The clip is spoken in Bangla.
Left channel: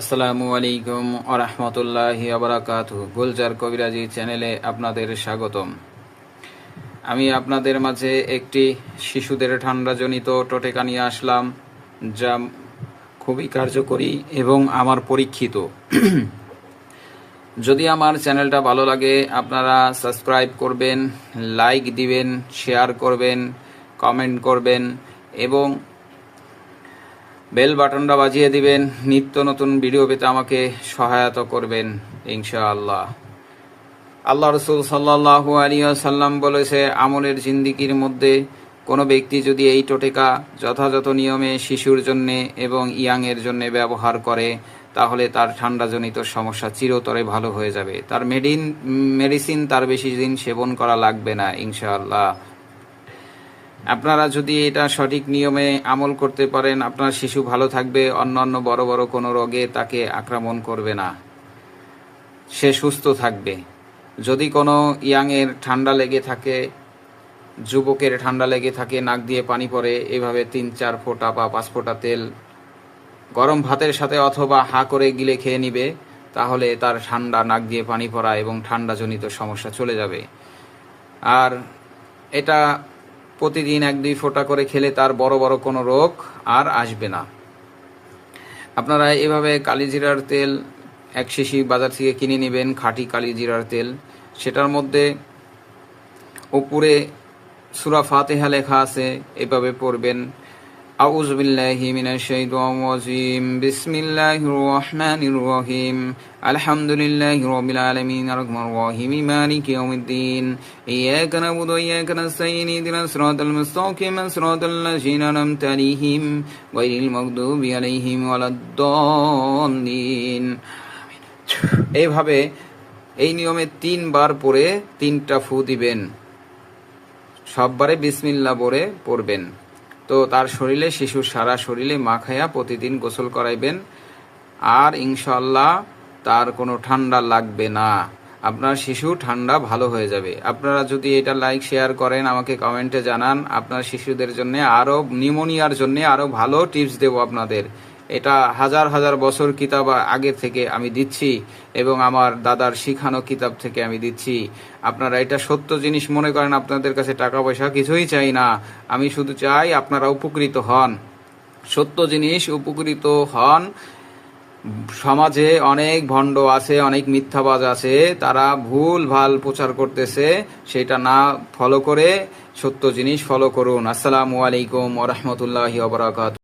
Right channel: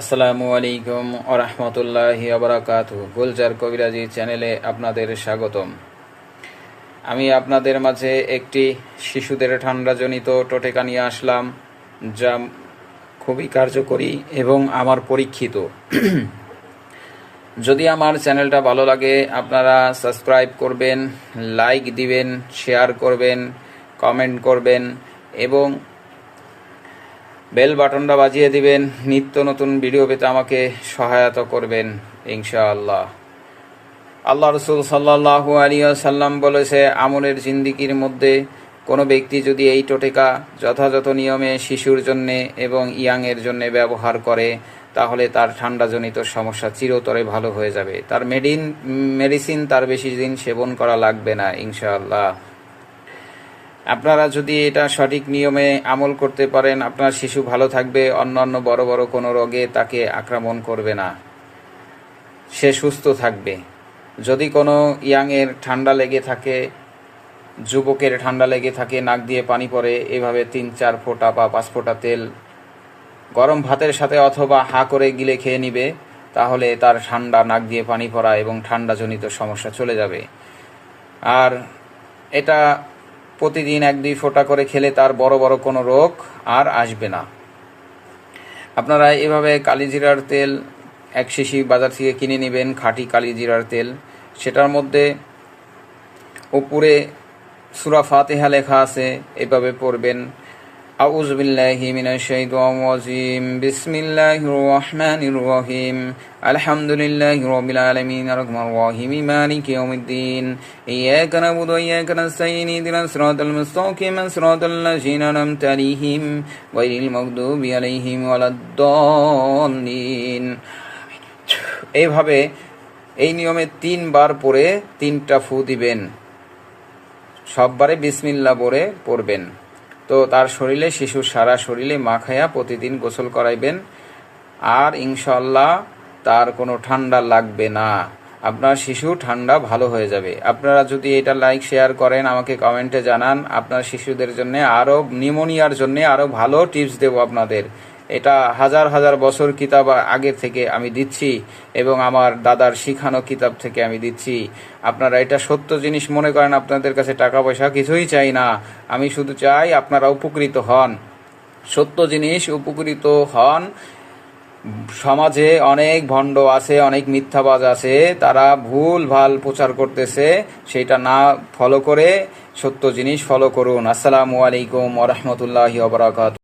আসসালামু আলাইকুম ওয়া রাহমাতুল্লাহি ওয়া বারাকাতুহু। গুলজার কবিরাজি চ্যানেলে আপনাদের স্বাগতম। আমি আপনাদের মাঝে একটি শিশুদের ঠান্ডাজনিত টোটকা নিয়ে আসলাম, যা খুবই কার্যকরী এবং আমার পরীক্ষিত। যদি আমার চ্যানেলটা ভালো লাগে আপনারা সাবস্ক্রাইব করবেন, লাইক দিবেন, শেয়ার করবেন, কমেন্ট করবেন এবং বেল বাটনটা বাজিয়ে দিবেন। নিত্য নতুন ভিডিও পেতে আমাকে সহায়তা করবেন ইনশাআল্লাহ। আল্লাহ রাসূল সাল্লাল্লাহু আলাইহি ওয়াসাল্লাম বলেছে, আমলের জিন্দেগির মধ্যে কোনো ব্যক্তি যদি এই টোটকা যথাযথ নিয়মে শিশুর জন্য এবং ইয়াংয়ের জন্য ব্যবহার করে তাহলে তার ঠান্ডাজনিত সমস্যা চিরতরে ভালো হয়ে যাবে। তার মেডিসিন তার বেশি দিন সেবন করা লাগবে না ইনশাআল্লাহ। আপনারা যদি এটা সঠিক নিয়মে আমল করতে পারেন আপনার শিশু ভালো থাকবে, অন্যান্য বড় বড় কোনো রোগে তাকে আক্রমণ করবে না, সে সুস্থ থাকবে। যদি কোনো ইয়াংয়ের ঠান্ডা লেগে থাকে, যুবকের ঠান্ডা লেগে থাকে, নাক দিয়ে পানি পড়ে, এভাবে 3-4 ফোঁটা বা 5 ফোঁটা তেল গরম ভাতের সাথে অথবা হা করে গিলে খেয়ে নিবে, তাহলে তার ঠান্ডা, নাক দিয়ে পানি পড়া এবং ঠান্ডাজনিত সমস্যা চলে যাবে। আর এটা প্রতিদিন 1-2 ফোঁটা করে খেলে তার বড় বড় কোনো রোগ আর আসবে না। আপনারা এভাবে কালিজিরার তেল 1 শিশি বাজার থেকে কিনে নেবেন, খাঁটি কালিজিরার তেল। সেটার মধ্যে উপরে সূরা ফাতিহা লেখা আছে, এভাবে পড়বেন, আউযু বিল্লাহি মিনাশ শাইতানির রাজিম, বিসমিল্লাহির রহমানির রহিম, আলহামদুলিল্লাহি রাব্বিল আলামিন, আর রহমানির রহিম, মালিকি ইয়াউমিদ্দিন, ইয়াকা না'বুদু ওয়া ইয়াকা নাস্তাঈন, ইহদিনাস সিরাতাল মুস্তাকিম, সিরাতাল লাযিনা আন'আমতা আলাইহিম গায়রিল মাগদুবি আলাইহিম ওয়ালাদ-দাল্লিন। এইভাবে এই নিয়মে 3 বার পরে 3টা ফু দিবেন, সববারে বিসমিল্লাহ বলে পড়বেন। তো তার শরীরে, শিশুর সারা শরীরে মাখায়া প্রতিদিন গোসল করাইবেন, আর ইনশাআল্লাহ তার কোনো ঠান্ডা লাগবে না, আপনার শিশু ঠান্ডা ভালো হয়ে যাবে। আপনারা যদি এটা লাইক শেয়ার করেন, আমাকে কমেন্টে জানান, আপনার শিশুদের জন্য আরও, নিউমোনিয়ার জন্য আরও ভালো টিপস দেব আপনাদের। এটা হাজার হাজার বছর কিতাব আগে থেকে আমি দিচ্ছি এবং আমার দাদার শিখানো কিতাব থেকে আমি দিচ্ছি। আপনারা এটা সত্য জিনিস মনে করেন, আপনাদের কাছে টাকা পয়সা কিছুই চাই না, আমি শুধু চাই আপনারা উপকৃত হন, সত্য জিনিস উপকৃত হন। সমাজে অনেক ভণ্ড আছে, অনেক মিথ্যাবাজ আছে, তারা ভুল ভাল প্রচার করতেছে, সেটা না ফলো করে সত্য জিনিস ফলো করুন। আসসালামু আলাইকুম ওয়া রাহমাতুল্লাহি ওয়া বারাকাতুহু।